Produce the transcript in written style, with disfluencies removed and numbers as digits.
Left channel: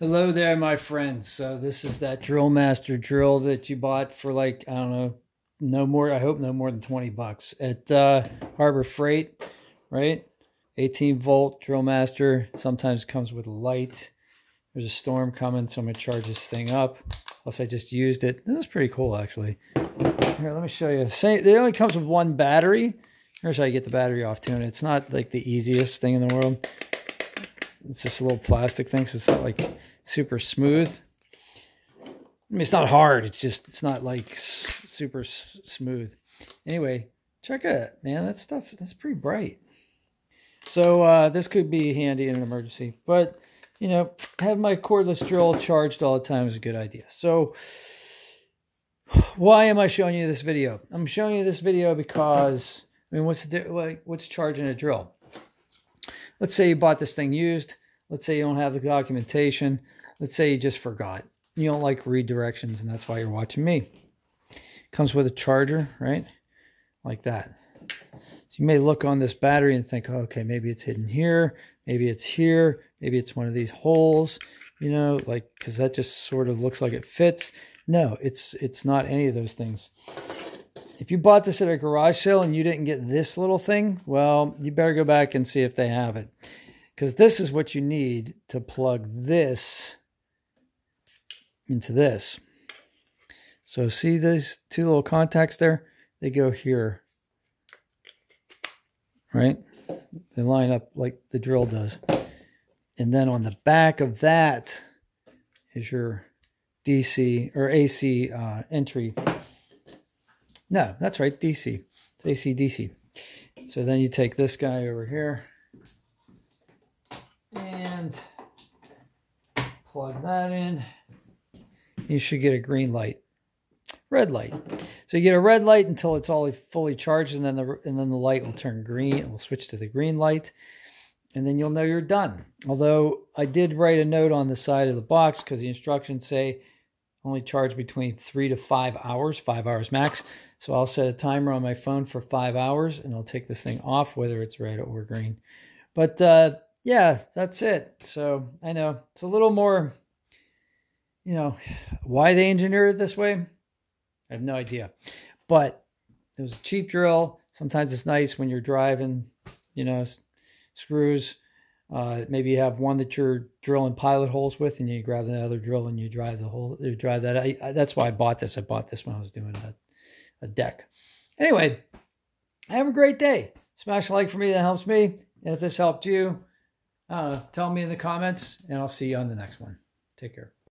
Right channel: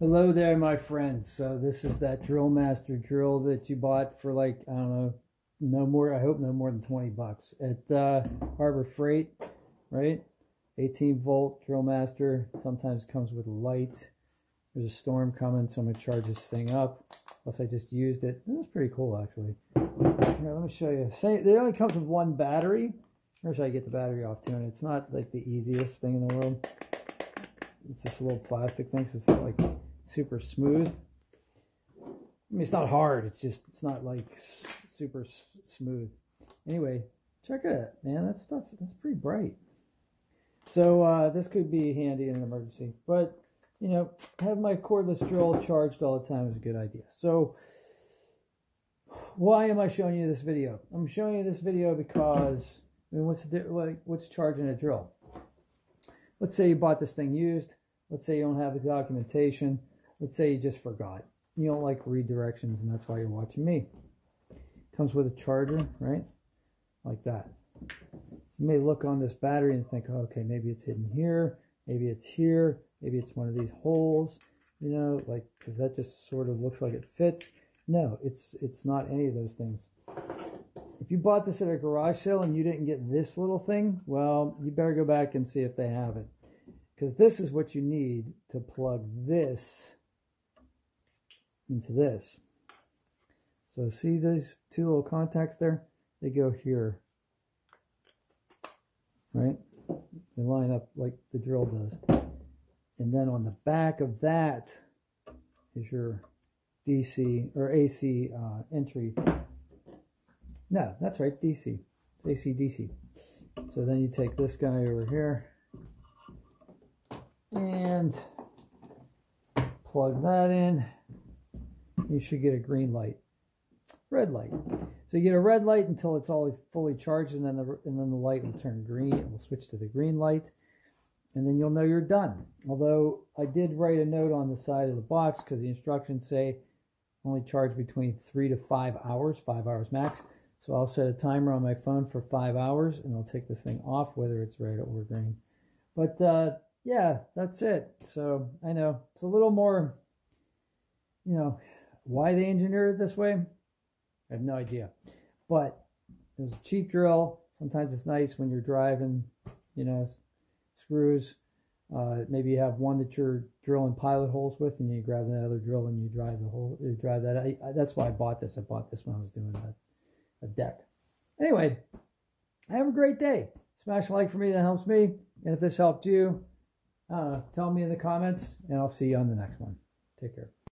Hello there, my friends. So this is that Drill Master drill that you bought for like, I don't know, no more, I hope no more than 20 bucks at Harbor Freight, right? 18 volt Drill Master. Sometimes comes with a light. There's a storm coming, so I'm gonna charge this thing up. Plus I just used it. This is pretty cool, actually. Here, let me show you. It only comes with one battery. Here's how you get the battery off too. And it's not like the easiest thing in the world. It's just a little plastic thing, so it's not like super smooth. I mean, it's not hard. It's just, it's not like super smooth. Anyway, check it, man. That stuff, that's pretty bright. So this could be handy in an emergency. But, you know, having my cordless drill charged all the time is a good idea. So why am I showing you this video? I'm showing you this video because, I mean, what's charging a drill? Let's say you bought this thing used. Let's say you don't have the documentation. Let's say you just forgot. You don't like redirections, and that's why you're watching me. Comes with a charger, right? Like that. So you may look on this battery and think, oh, okay, maybe it's hidden here. Maybe it's here. Maybe it's one of these holes, you know, like, because that just sort of looks like it fits. No, it's not any of those things. If you bought this at a garage sale and you didn't get this little thing, well, you better go back and see if they have it. Because this is what you need to plug this into this. So see these two little contacts there? They go here, right? They line up like the drill does. And then on the back of that is your DC or AC entry. No, that's right, DC. It's AC, DC. So then you take this guy over here and plug that in. You should get a green light, red light. So you get a red light until it's all fully charged, and then the light will turn green. It will switch to the green light, and then you'll know you're done. Although I did write a note on the side of the box because the instructions say only charge between 3 to 5 hours, 5 hours max. So I'll set a timer on my phone for 5 hours, and I'll take this thing off, whether it's red or green. But yeah, that's it. So I know it's a little more, you know, why they engineered it this way, I have no idea. But it was a cheap drill. Sometimes it's nice when you're driving, you know, screws. Maybe you have one that you're drilling pilot holes with, and you grab the other drill and you drive the hole. You drive that. That's why I bought this. I bought this when I was doing a deck. Anyway, have a great day. Smash a like for me. That helps me. And if this helped you, tell me in the comments, and I'll see you on the next one. Take care.